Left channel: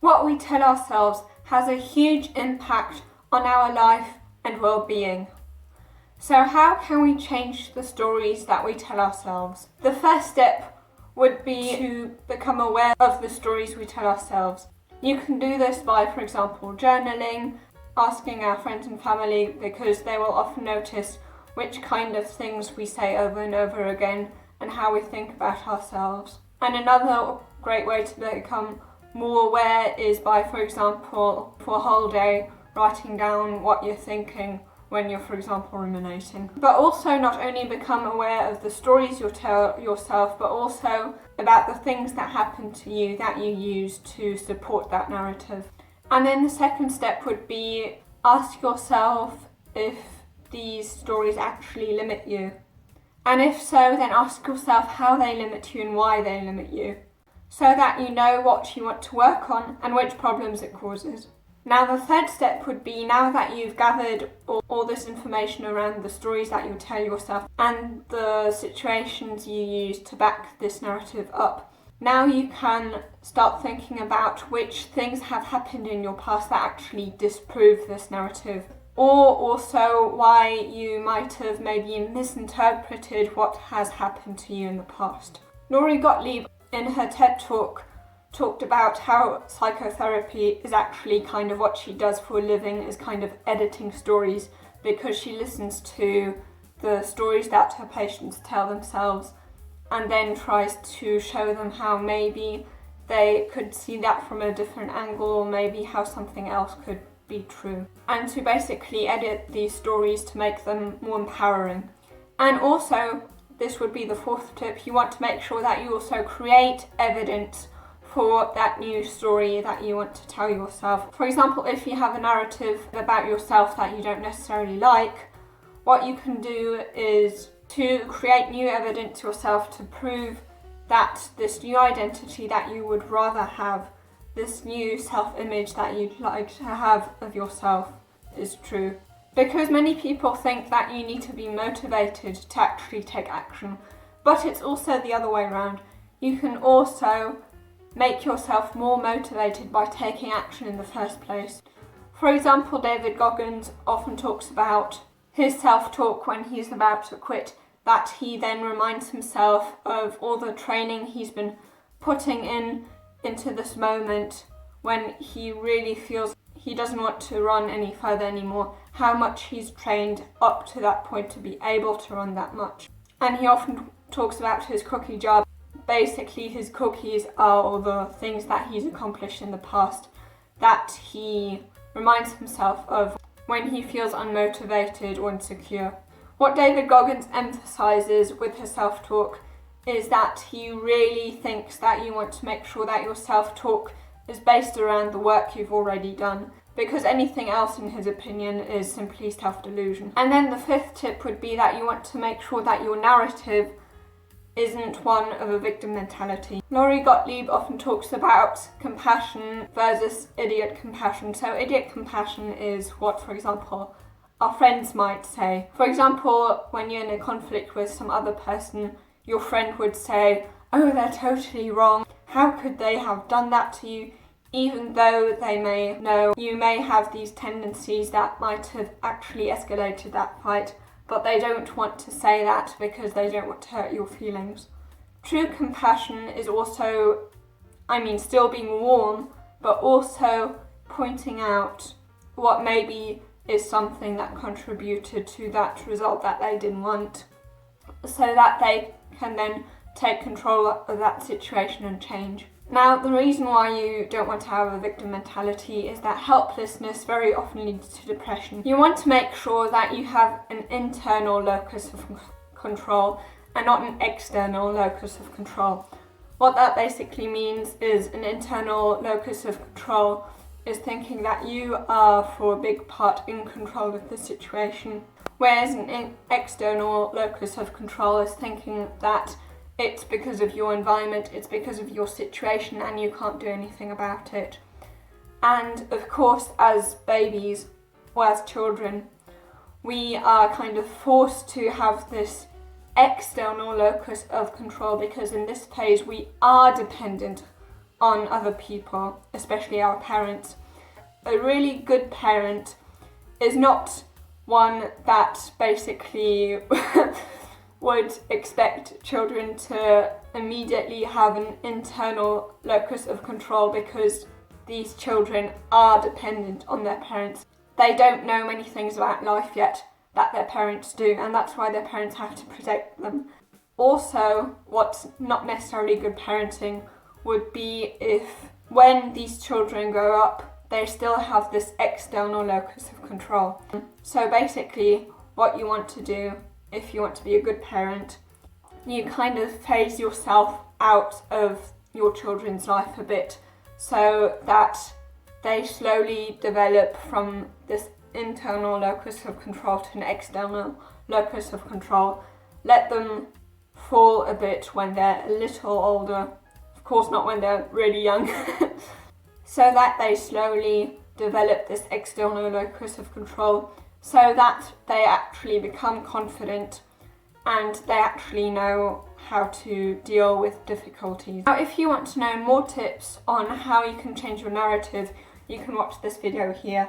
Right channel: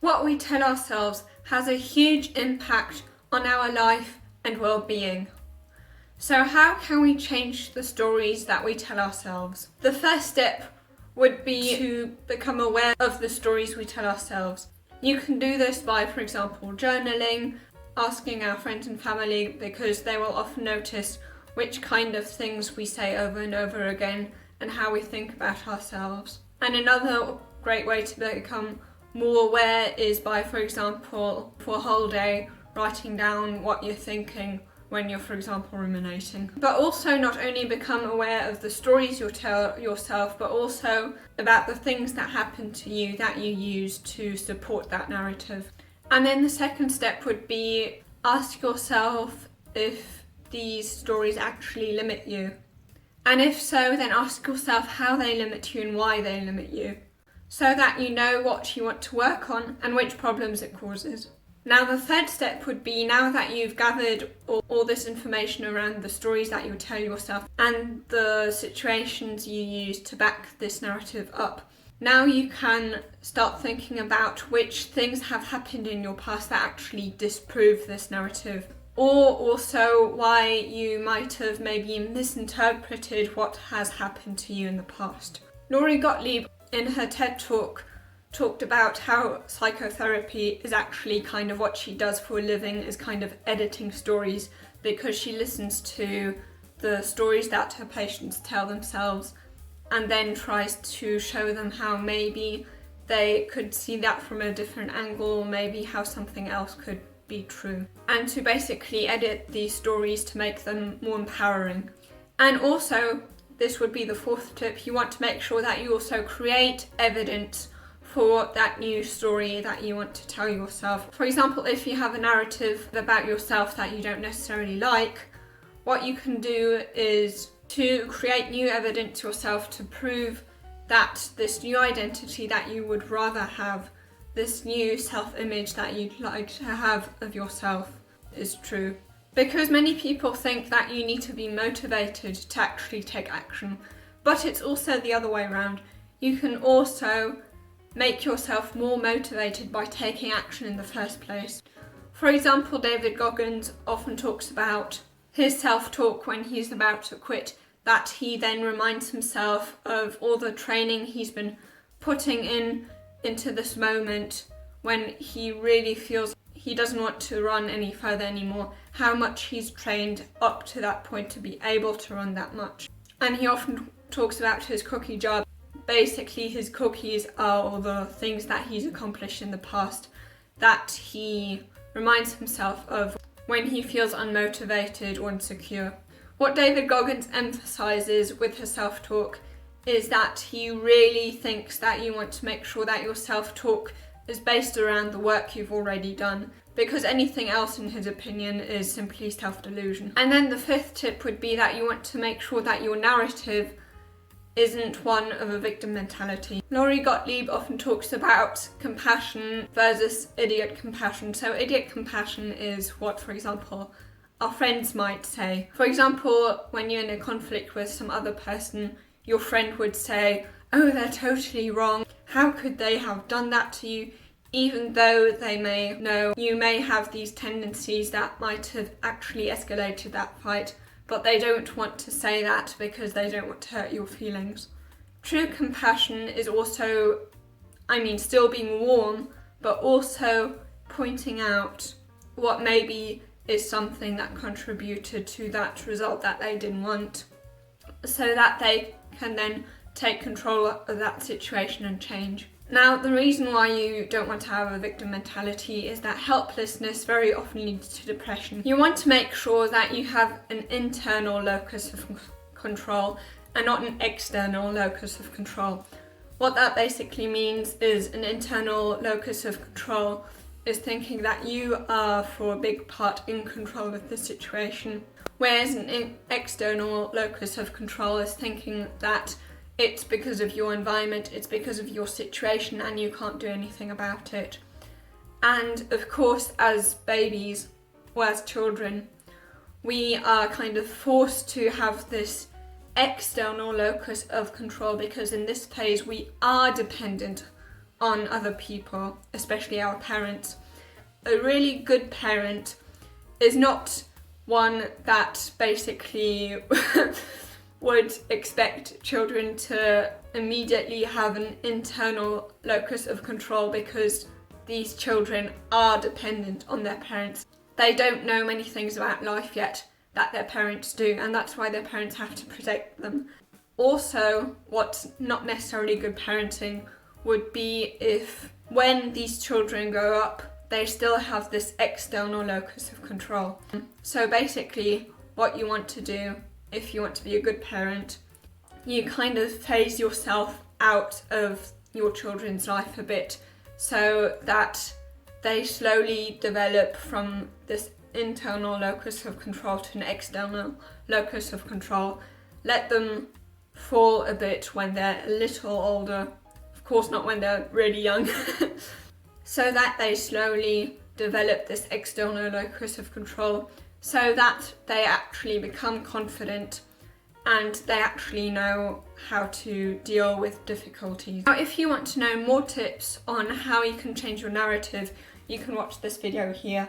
What we tell ourselves has a huge impact on our life and well-being. So how can we change the stories that we tell ourselves? The first step would be to become aware of the stories we tell ourselves. You can do this by, for example, journaling, asking our friends and family, because they will often notice which kind of things we say over and over again and how we think about ourselves. And another great way to become more aware is by, for example, for a whole day, writing down what you're thinking when you're, for example, ruminating. But also not only become aware of the stories you'll tell yourself, but also about the things that happen to you that you use to support that narrative. And then the second step would be ask yourself if these stories actually limit you. And if so, then ask yourself how they limit you and why they limit you, so that you know what you want to work on and which problems it causes. Now the third step would be, now that you've gathered all this information around the stories that you tell yourself and the situations you use to back this narrative up, now you can start thinking about which things have happened in your past that actually disprove this narrative, or also why you might have maybe misinterpreted what has happened to you in the past. Lori Gottlieb, in her TED Talk, talked about how psychotherapy is actually kind of what she does for a living, is kind of editing stories, because she listens to the stories that her patients tell themselves and then tries to show them how maybe they could see that from a different angle, or maybe how something else could be true, and to basically edit these stories to make them more empowering. And also, this would be the fourth tip, you want to make sure that you also create evidence for that new story that you want to tell yourself. For example, if you have a narrative about yourself that you don't necessarily like, what you can do is to create new evidence yourself to prove that this new identity that you would rather have, this new self-image that you'd like to have of yourself, is true. Because many people think that you need to be motivated to actually take action, but it's also the other way around. You can also make yourself more motivated by taking action in the first place. For example, David Goggins often talks about his self-talk when he's about to quit, that he then reminds himself of all the training he's been putting into this moment when he really feels he doesn't want to run any further anymore, how much he's trained up to that point to be able to run that much. And he often talks about his cookie jar. Basically, his cookies are all the things that he's accomplished in the past that he reminds himself of when he feels unmotivated or insecure. What David Goggins emphasizes with his self-talk is that he really thinks that you want to make sure that your self-talk is based around the work you've already done, because anything else, in his opinion, is simply self-delusion. And then the fifth tip would be that you want to make sure that your narrative isn't one of a victim mentality. Lori Gottlieb often talks about compassion versus idiot compassion. So idiot compassion is what, for example, our friends might say. For example, when you're in a conflict with some other person, your friend would say, "Oh, they're totally wrong. How could they have done that to you?" Even though they may know you may have these tendencies that might have actually escalated that fight, but they don't want to say that because they don't want to hurt your feelings. True compassion is also, still being warm, but also pointing out what maybe is something that contributed to that result that they didn't want, so that they can then take control of that situation and change. Now, the reason why you don't want to have a victim mentality is that helplessness very often leads to depression. You want to make sure that you have an internal locus of control and not an external locus of control. What that basically means is an internal locus of control is thinking that you are for a big part in control of the situation, whereas an external locus of control is thinking that it's because of your environment, it's because of your situation, and you can't do anything about it. And of course, as babies or as children, we are kind of forced to have this external locus of control, because in this phase we are dependent on other people, especially our parents. A really good parent is not one that basically would expect children to immediately have an internal locus of control, because these children are dependent on their parents. They don't know many things about life yet that their parents do, and that's why their parents have to protect them. Also, what's not necessarily good parenting would be if, when these children grow up, they still have this external locus of control. So basically, what you want to do, if you want to be a good parent, you kind of phase yourself out of your children's life a bit, so that they slowly develop from this internal locus of control to an external locus of control. Let them fall a bit when they're a little older, of course not when they're really young, so that they slowly develop this external locus of control, so that they actually become confident and they actually know how to deal with difficulties. Now, if you want to know more tips on how you can change your narrative, you can watch this video here.